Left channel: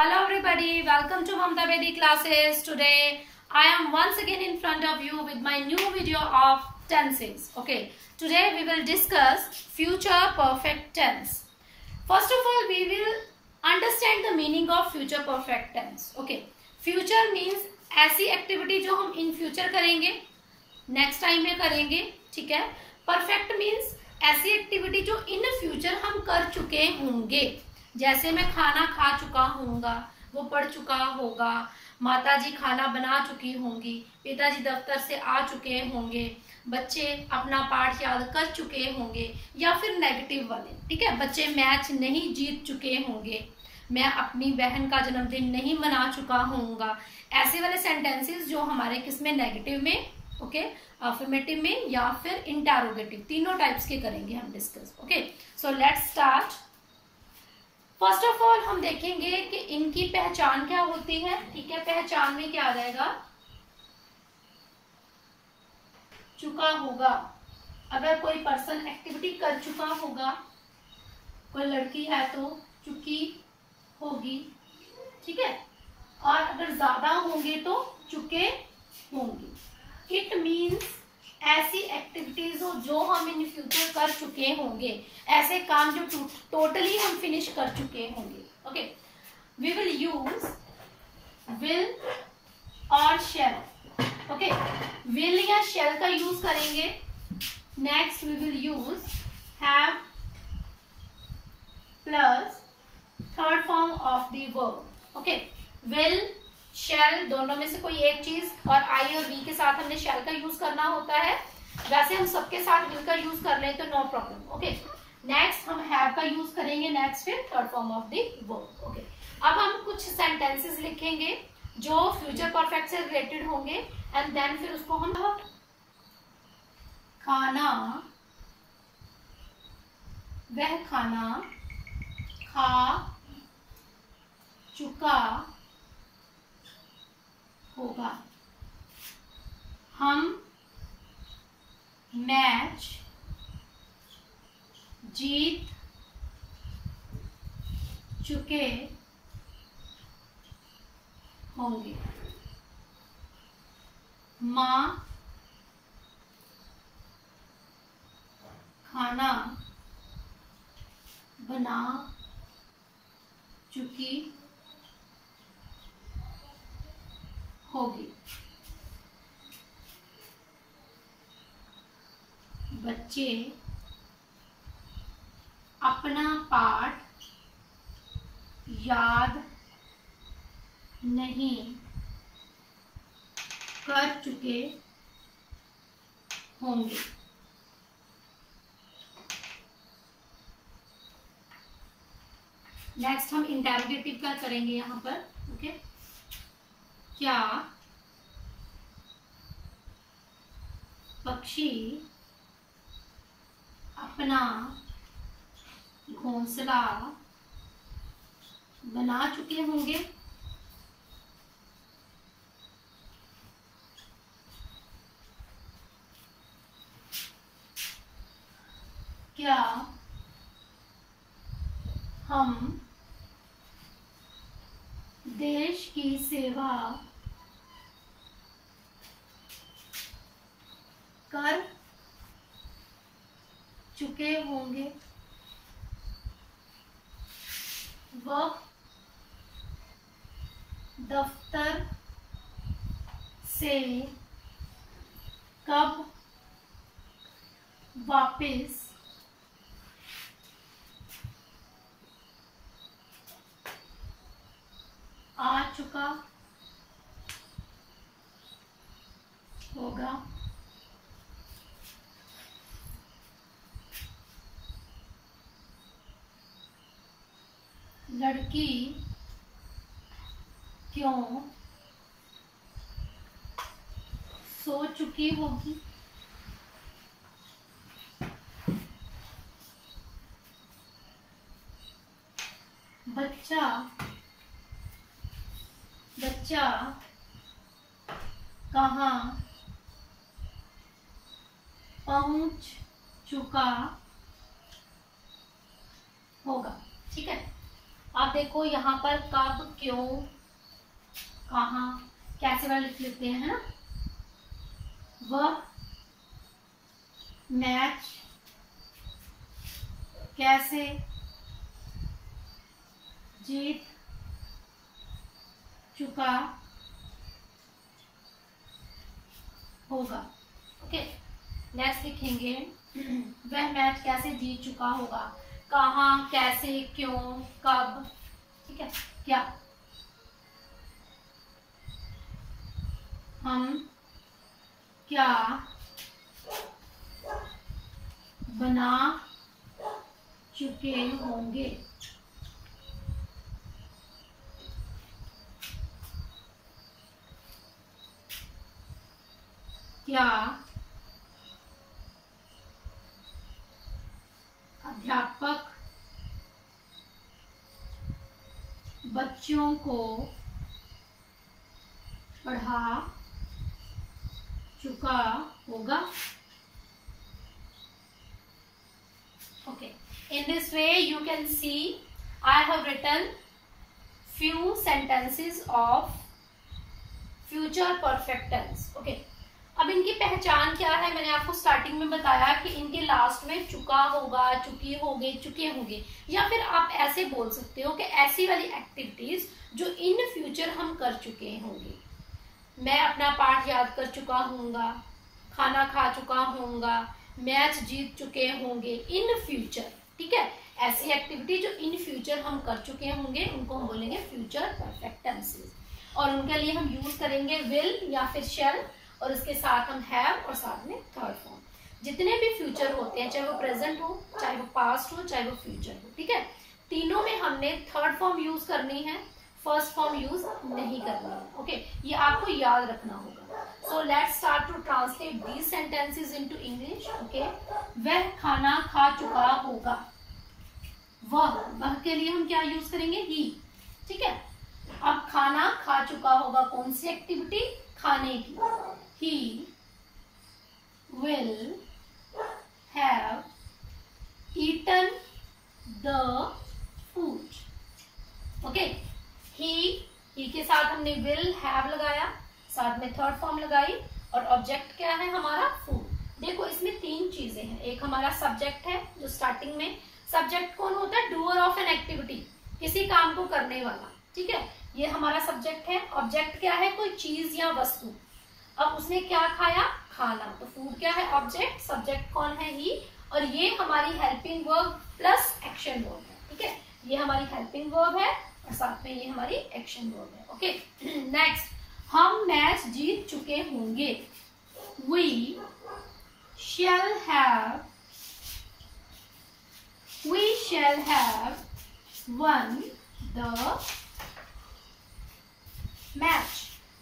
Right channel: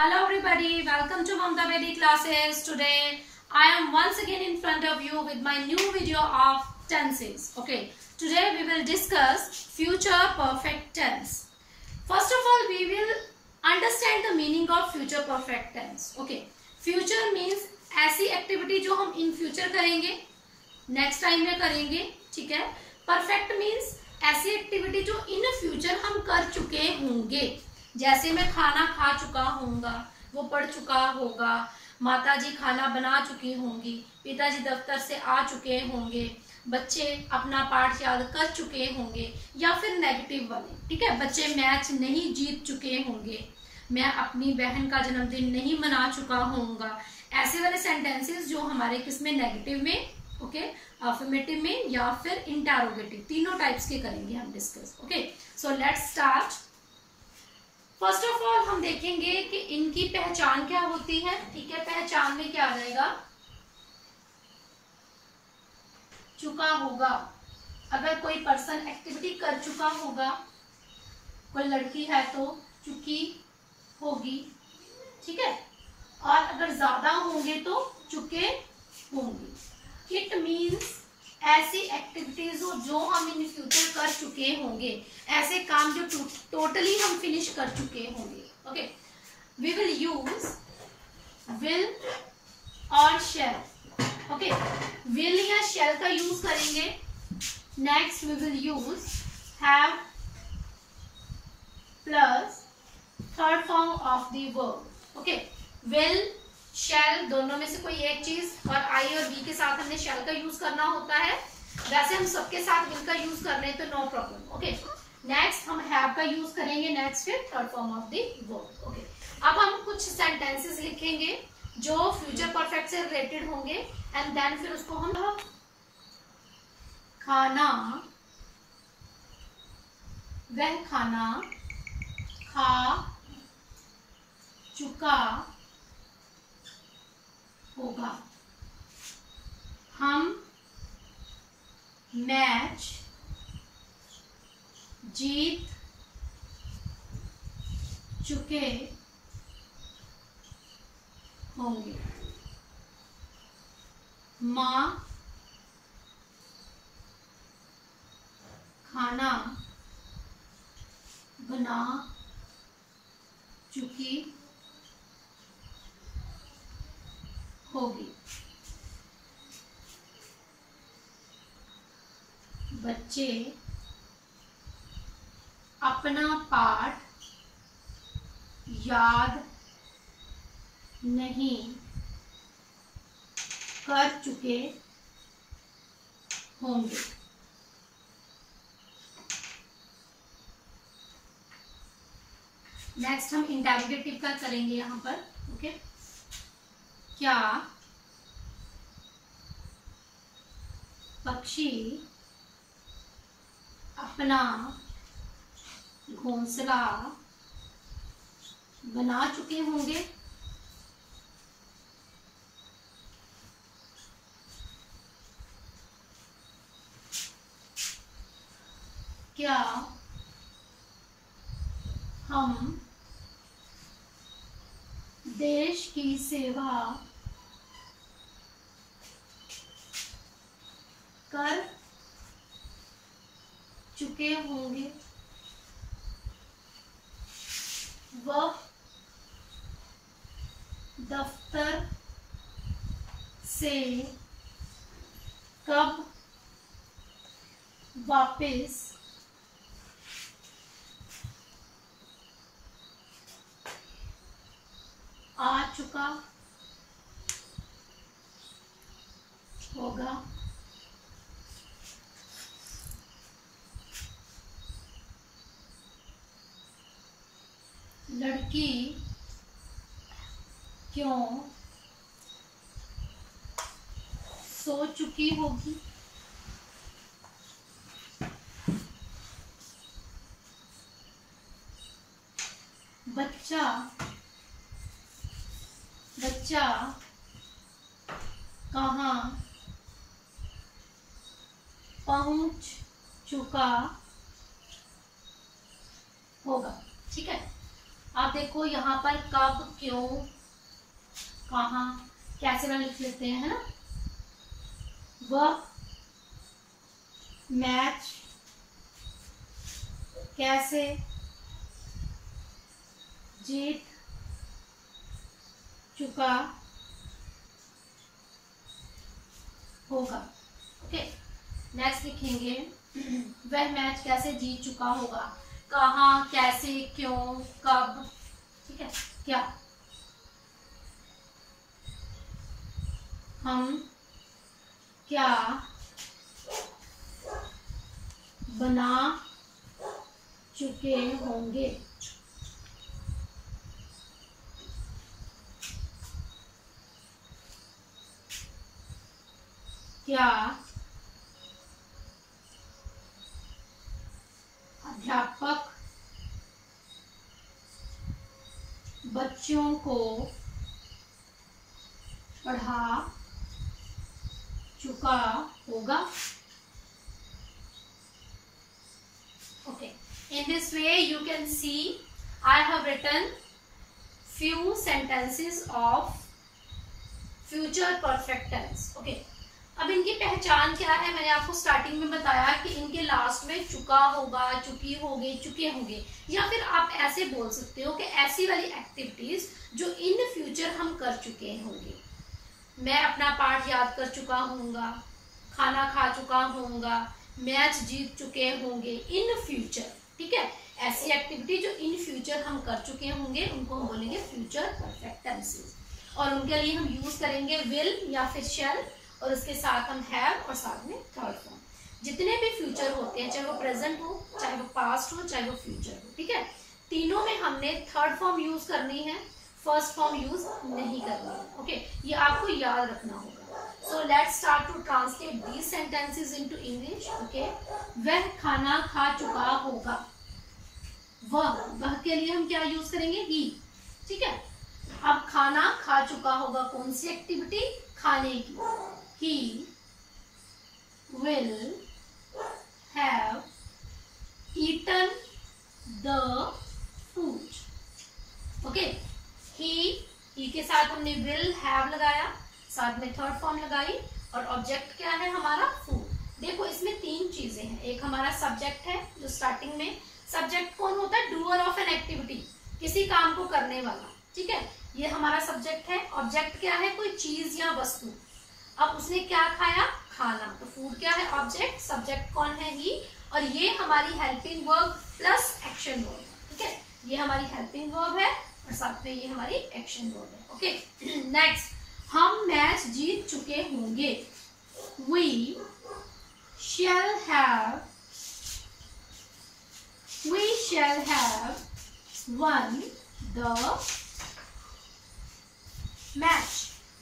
Hello everybody, welcome to Mamta Bedi classes. Today I am once again in front of you with my new video of tenses. Okay, today we will discuss future perfect tense. First of all, we will understand the meaning of future perfect tense. Okay, future means ऐसी activity जो हम in future करेंगे, next time में करेंगे, ठीक है. Perfect means ऐसी activity जो इन फ्यूचर हम कर चुके होंगे. जैसे मैं खाना खा चुका हूँगा, वो पढ़ चुका होगा, माताजी खाना बना चुकी होंगी, पिताजी दफ्तर से आ चुके होंगे, बच्चे अपना पाठ याद कर चुके होंगे, या फिर नेगेटिव वाले, ठीक है, बच्चे मैच नहीं जीत चुके होंगे, मैं अपनी बहन का जन्मदिन नहीं मना चुका होऊंगा. ऐसे वाले सेंटेंसेस जो हमारे किसमें, नेगेटिव में, ओके, अफर्मेटिव में या फिर इंटरोगेटिव, तीनों टाइप्स के करेंगे हम discuss. Okay, so let's start. First of all हम देखेंगे कि इनकी पहचान क्या होती है. ठीक है, पहचान में क्या रहेगा, चुका होगा. अगर कोई पर्सन एक्टिविटी कर चुका होगा, कोई लड़की है तो चुकी होगी, ठीक है, और अगर ज्यादा होंगे तो चुके होंगे. इट मीन्स ऐसी एक्टिविटीज हो जो हम इन फ्यूचर कर चुके होंगे, ऐसे काम जो टोटली हम फिनिश कर चुके होंगे. Okay, we will use will और शेल. ओके, विल या शेल का यूज करेंगे. Next we will use have plus third form of the verb. Okay, will shall दोनों में से कोई एक चीज, और आई और वी के साथ हमने शेल का यूज करना होता है. वैसे हम सबके साथ विल का यूज कर रहे हैं तो नो प्रॉब्लम. ओके, नेक्स्ट हम हैव का यूज करेंगे. नेक्स्ट फिर third form of the verb. Okay, अब हम कुछ सेंटेंसेस लिखेंगे जो फ्यूचर परफेक्ट से रिलेटेड होंगे, एंड देन फिर उसको हम खाना, वह खाना खा चुका होगा, हम मैच जीत चुके होंगे, माँ खाना बना चुकी होगी, बच्चे अपना पाठ याद नहीं कर चुके होंगे. नेक्स्ट हम इंटरोगेटिव का करेंगे यहाँ पर. ओके, क्या पक्षी अपना घोंसला बना चुके होंगे, क्या हम देश की सेवा कर चुके होंगे, वह दफ्तर से कब वापस आ चुका होगा, लड़की क्यों सो चुकी होगी, बच्चा कहाँ पहुंच चुका होगा. ठीक है, अब देखो यहाँ पर कब, क्यों, कहाँ, कैसे वाला लिख लेते हैं, है ना। वह मैच कैसे जीत चुका होगा। ओके, नेक्स्ट लिखेंगे वह मैच कैसे जीत चुका होगा, कहाँ, कैसे, क्यों, कब, ठीक है, क्या। हम क्या बना चुके होंगे। क्या अध्यापक बच्चों को पढ़ा चुका होगा। Okay, in this way you can see I have written few sentences of future perfect tense. Okay, अब इनकी पहचान क्या है, मैंने आपको स्टार्टिंग में बताया कि इनके लास्ट में चुका होगा, चुकी होगी, चुके होंगे, या फिर आप ऐसे बोल सकते हो कि ऐसी वाली एक्टिविटीज जो इन फ्यूचर हम कर चुके होंगे। मैं अपना पाठ याद कर चुका हूँगा, खाना खा चुका हूँगा, मैच जीत चुके होंगे इन फ्यूचर। ठीक है, ऐसी एक्टिविटी जो इन फ्यूचर हम कर चुके होंगे उनको हम बोलेंगे फ्यूचर परफेक्ट टेंसेस। और उनके लिए हम यूज करेंगे विल या फिर शैल, और इसके साथ हम हैव और साथ में थर्ड फॉर्म। जितने भी फ्यूचर होते हैं, चाहे वो प्रेजेंट हो, चाहे वो पास्ट हो, चाहे वो फ्यूचर हो, ठीक है, तीनों में हमने थर्ड फॉर्म यूज करनी है, फर्स्ट फॉर्म यूज नहीं करनी है। ओके, ये आपको याद रखना होगा। So let's start to translate these sentences into English. Okay, वह खाना खा चुका होगा। वह के लिए हम क्या यूज करेंगे, ही। ठीक है, अब खाना खा चुका होगा, कौन सी एक्टिविटी, खाने की। He will have eaten the food. Okay, he के साथ हमने will have लगाया, साथ में थर्ड फॉर्म लगाई, और ऑब्जेक्ट क्या है हमारा, फूड। देखो इसमें तीन चीजें हैं, एक हमारा सब्जेक्ट है जो स्टार्टिंग में, सब्जेक्ट कौन होता है, डूअर ऑफ एन एक्टिविटी, किसी काम को करने वाला। ठीक है, ये हमारा सब्जेक्ट है। ऑब्जेक्ट क्या है, कोई चीज या वस्तु। अब उसने क्या खाया, खाना, तो फूड क्या है, ऑब्जेक्ट, सब्जेक्ट कौन है, ही, और ये हमारी helping verb plus action verb है। ठीक है, ये हमारी हेल्पिंग वर्ब है और साथ में ये हमारी एक्शन वर्ब है। ओके, नेक्स्ट, हम मैच जीत चुके होंगे। We shall have won the match.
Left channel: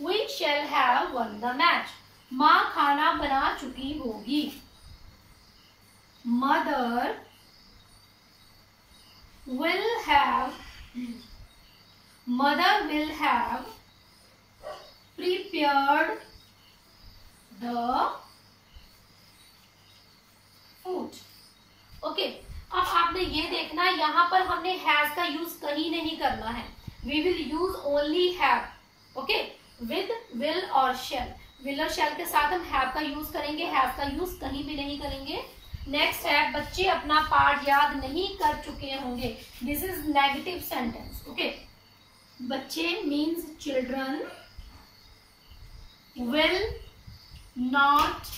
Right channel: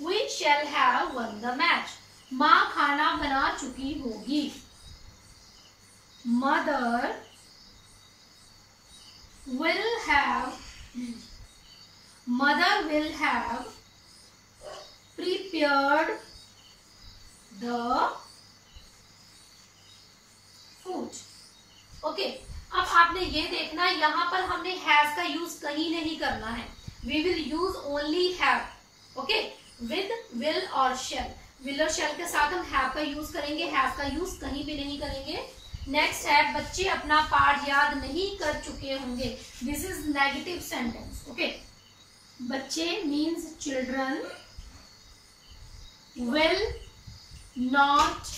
We shall have won the match. माँ खाना बना चुकी होगी। Mother will have prepared the food. Okay, अब आपने ये देखना, यहाँ पर हमने हैज का यूज कहीं नहीं करना है। We will use only have. Okay, with will और शैल, विल और शैल के साथ हम हैव का यूज करेंगे, हैव का यूज कहीं भी नहीं करेंगे। नेक्स्ट है, बच्चे अपना पाठ याद नहीं कर चुके होंगे। This is negative sentence. Okay, बच्चे means children will not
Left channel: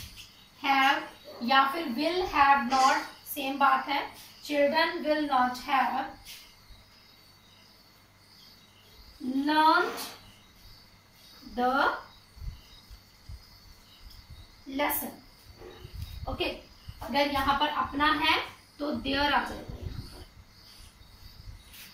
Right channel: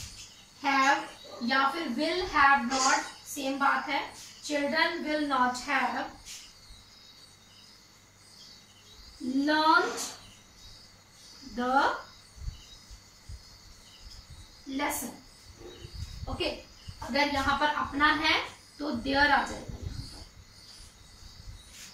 have या फिर will have not, सेम बात है। children will not have learned the lesson. Okay, अगर यहाँ पर अपना है तो देयर आ जाएगा यहाँ पर।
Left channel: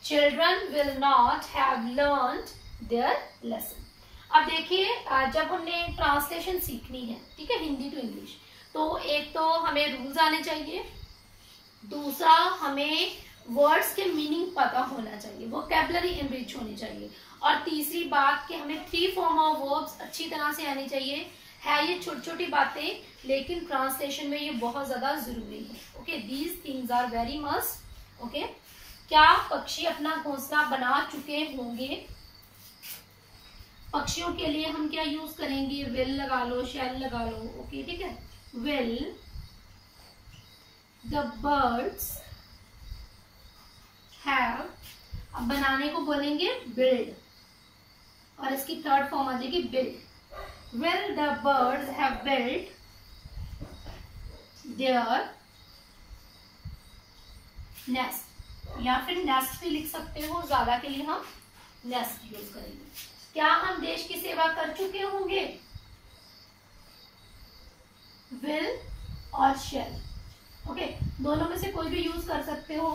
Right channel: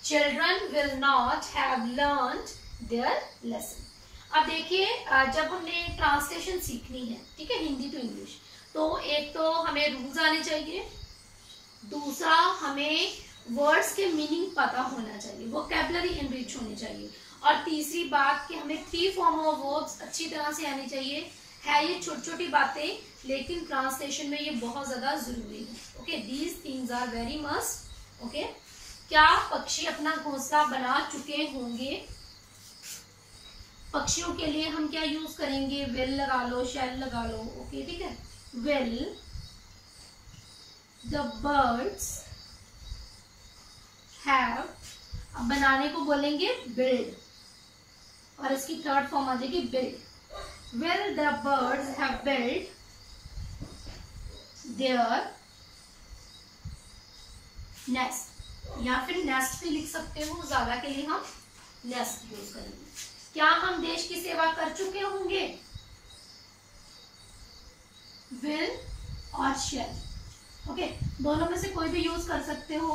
children will not have learned their lesson. अब देखिए, जब हमने ट्रांसलेशन सीखनी है, ठीक है, हिंदी टू इंग्लिश, तो एक तो हमें रूल्स आने चाहिए, दूसरा हमें वर्ड्स के मीनिंग पता होना चाहिए, वोकैबुलरी इनरिच होनी चाहिए, और तीसरी बात कि हमें थ्री फॉर्म ऑफ वर्ब्स अच्छी तरह से आनी चाहिए। है ये छोटी छोटी बातें, लेकिन ट्रांसलेशन में ये बहुत ज्यादा जरूरी है। Okay, these things are very must. Okay, क्या पक्षी अपना घोंसला बना चुके होंगे? पक्षियों के लिए हम क्या यूज करेंगे? विल लगा लो, शैल लगा लो। ओके, ठीक है। विल द बर्ड्स हैव, अब बनाने को बोलेंगे बिल्ड, और इसकी थर्ड फॉर्म आ जाएगी build. Will the birds have build their nest, या फिर नेस्ट भी लिख सकते हो, ज्यादा के लिए हम नेस्ट यूज करेंगे। क्या हम देश की सेवा कर चुके होंगे? विल और शैल। ओके, दोनों में से कोई भी यूज कर सकते हो।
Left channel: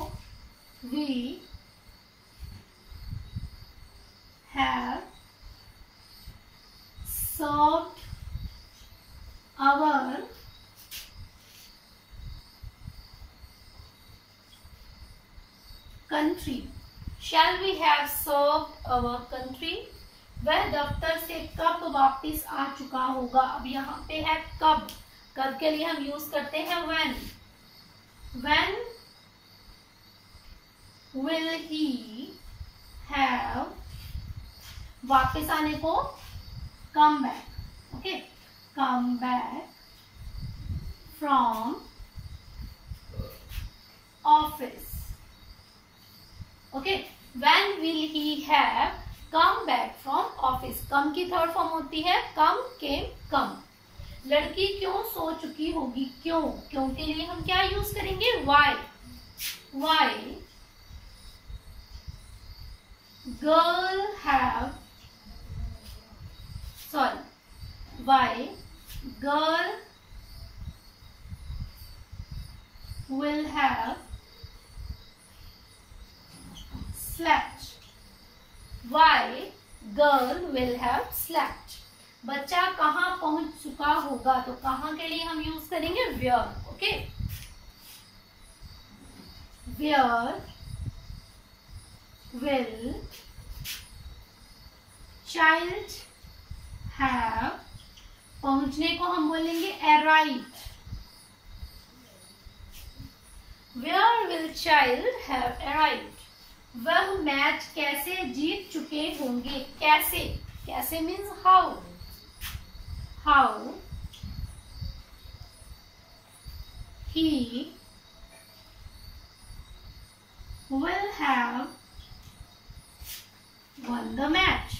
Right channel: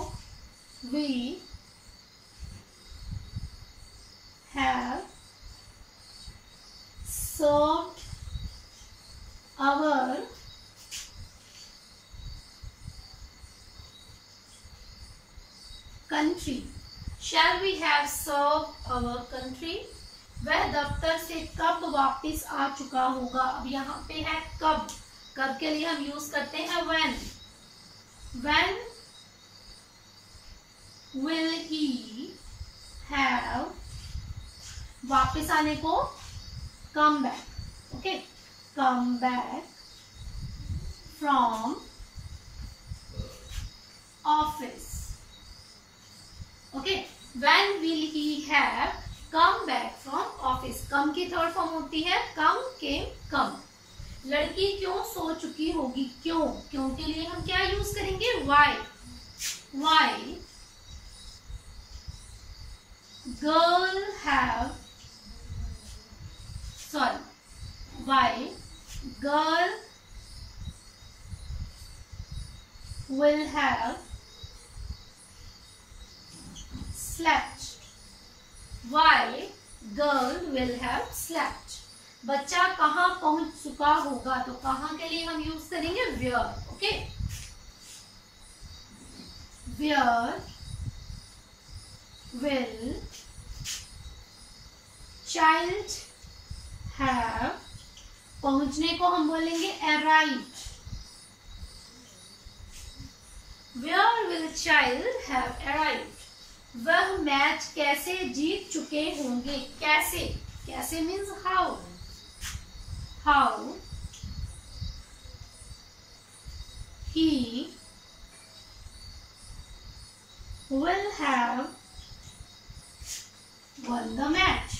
We have served our country. Shall we have served our country? वह दफ्तर से कब वापस आ चुका होगा? अब यहाँ पे है कब, कब के लिए हम यूज करते हैं when. When will he have, वापस आने को come back. Okay, come back from office. Okay, when will he have come back from office? कम की थर्ड फॉर्म होती है कम, केम, कम। लड़की क्यों सो चुकी होगी? क्यों, क्यों के लिए हम क्या यूज करेंगे? why. why girl have, sorry, why girl will have slept. Why girl will have slept. बच्चा कहाँ पहुंच चुका होगा? तो कहाँ के लिए हम यूज करेंगे where. Okay, where will child have, पहुंचने को हम बोलेंगे arrived. Where will child have arrived? वह मैच कैसे जीत चुके होंगे? कैसे, कैसे means how. How he will have won the match.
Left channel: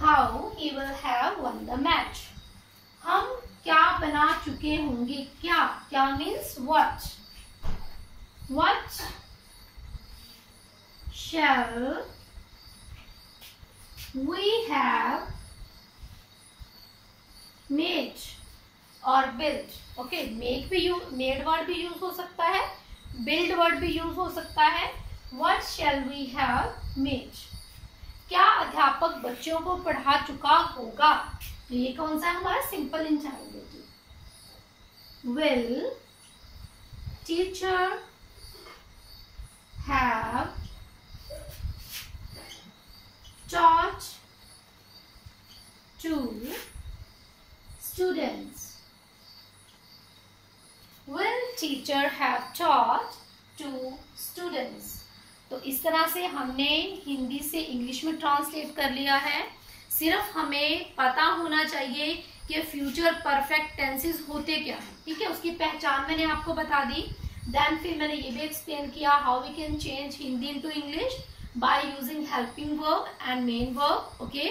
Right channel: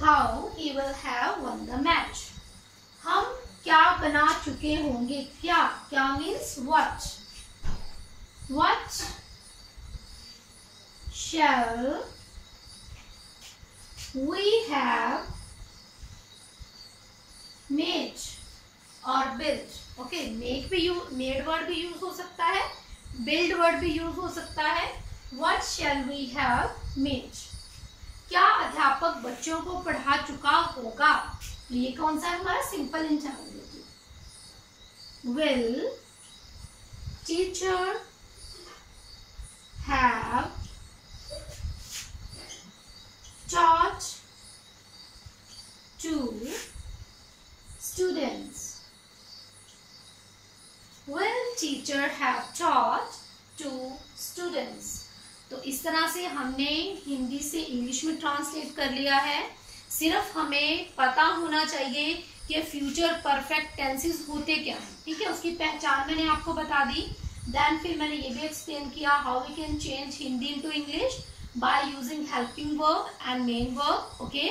How he will have won the match. हम क्या बना चुके होंगे? क्या, क्या means what. What shall we have made और built. ओके, make भी यूज, made वर्ड भी यूज हो सकता है, build वर्ड भी यूज हो सकता है. What shall we have made? क्या अध्यापक बच्चों को पढ़ा चुका होगा? तो ये कौन सा है हमारा simple interrogative. Will teacher have taught to students? Will teacher have taught to students? तो इस तरह से हमने हिंदी से इंग्लिश में ट्रांसलेट कर लिया है. सिर्फ हमें पता होना चाहिए कि फ्यूचर परफेक्ट टेंसेस होते क्या हैं. ठीक है, उसकी पहचान मैंने आपको बता दी. देन फिर मैंने ये भी एक्सप्लेन किया how we can change Hindi into English by using helping verb and main verb. Okay,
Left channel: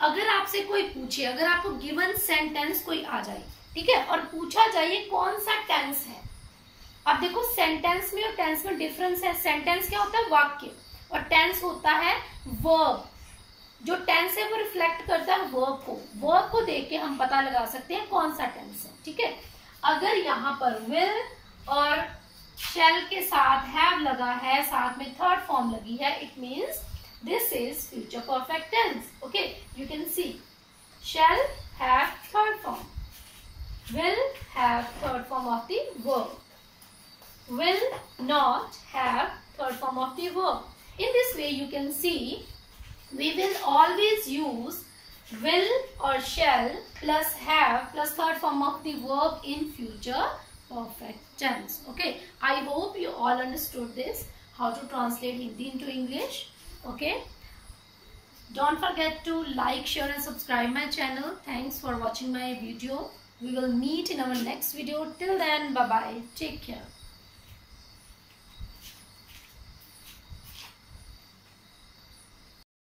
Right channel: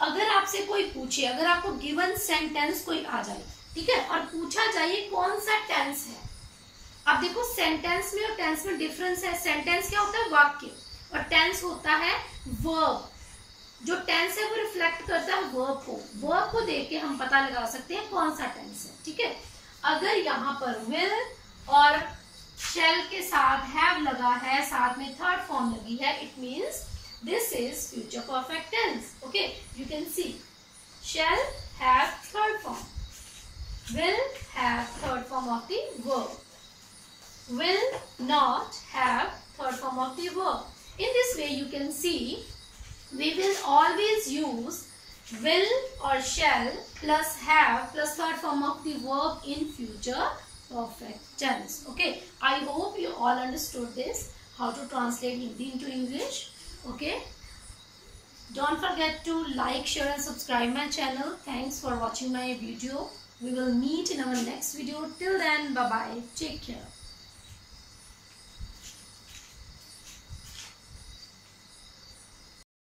अगर आपसे कोई पूछे, अगर आपको गिवन सेंटेंस कोई आ जाए, ठीक है, और पूछा जाए कौन सा टेंस है. अब देखो सेंटेंस में और टेंस में डिफरेंस है. सेंटेंस क्या होता है? वाक्य, और टेंस होता है वर्ब. जो टेंस है वो रिफ्लेक्ट करता है वर्ब को. वर्ब को देख के हम पता लगा सकते हैं कौन सा टेंस है. ठीक है, अगर यहाँ पर विल और शैल के साथ हैव लगा है, साथ में थर्ड फॉर्म लगी है, it means this is future perfect tense. Okay, you can see shall have third form, will have third form of the verb, will not have third form of the verb. In this way you can see we will always use will or shall plus have plus third form of the verb in future perfect tense. Okay, I hope you all understood this, how to translate Hindi into English. Okay, don't forget to like, share and subscribe my channel. Thanks for watching my video. We will meet in our next video. Till then, bye bye, take care.